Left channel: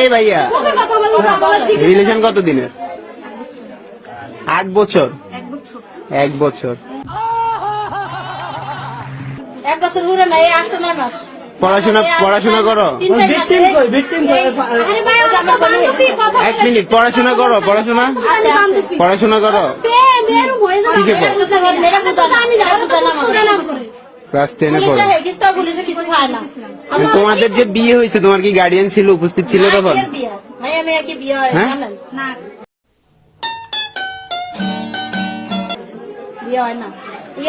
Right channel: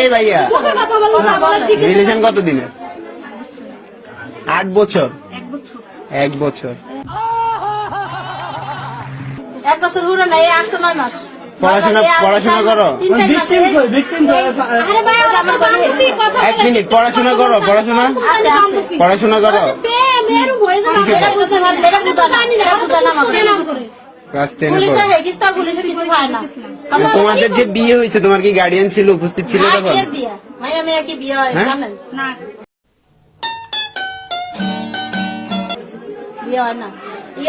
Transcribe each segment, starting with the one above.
এই ভাইয়া রিলেশন কত দিনের? 8 বছর। 1 বছর। 1 বছর হলো না, 8-9 মাস। পড়াশোনা করো? 1 মিনিট, পড়াশোনা করো? পড়াশোনা করো? ক্লাস 10 এ পড়ো। তোমাদের যে বিয়ে হয়েছে, তোমার কি গার্ডিয়ান ছিল, উপস্থিত ছিল তখন?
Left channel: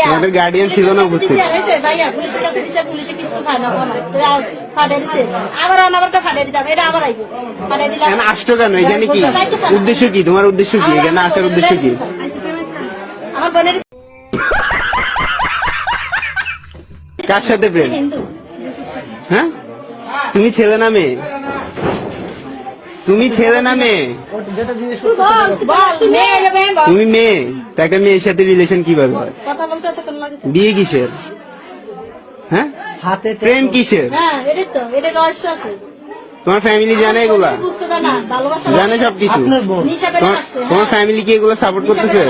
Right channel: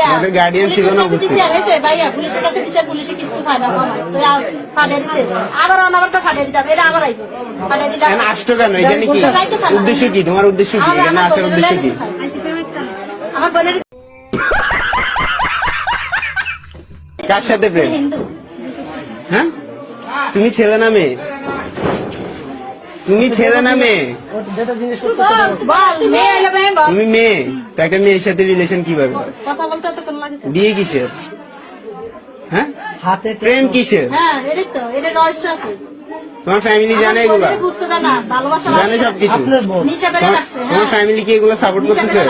তোমাদের গার্ডিয়ান ছিল না উপস্থিত? আসছো কেন এখানে? কি উদ্দেশ্য, কি তোমার উদ্দেশ্য, কি এখানে আসার উদ্দেশ্য কি? কার সাথে প্রেম? হ্যাঁ, তুমি ছেলে না মেয়ে? তুমি ছেলে না মেয়ে? তুমি মেয়ে, তো একটা মেয়ের সাথে রিলেশন কিভাবে? বিয়ে কিসের? হ্যাঁ, প্রেম কিসের? তোমার ফ্যামিলি জানে এগুলো? জানে সবকিছু? তোমার ফ্যামিলি কি এগুলো সাপোর্ট করতেছে?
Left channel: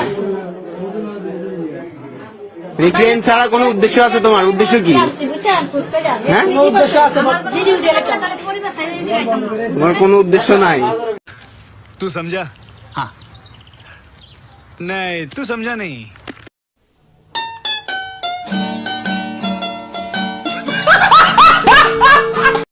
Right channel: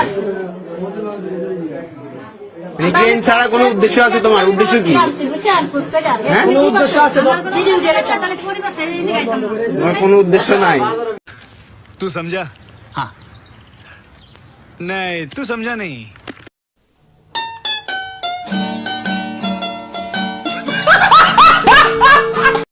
প্রেম ছাড়া কোনো উদ্দেশ্য আছে তোমার? উদ্দেশ্য কি? তোমার কোনো উদ্দেশ্য নাই? तू समझा? हाँ नहीं, तू समझा नहीं।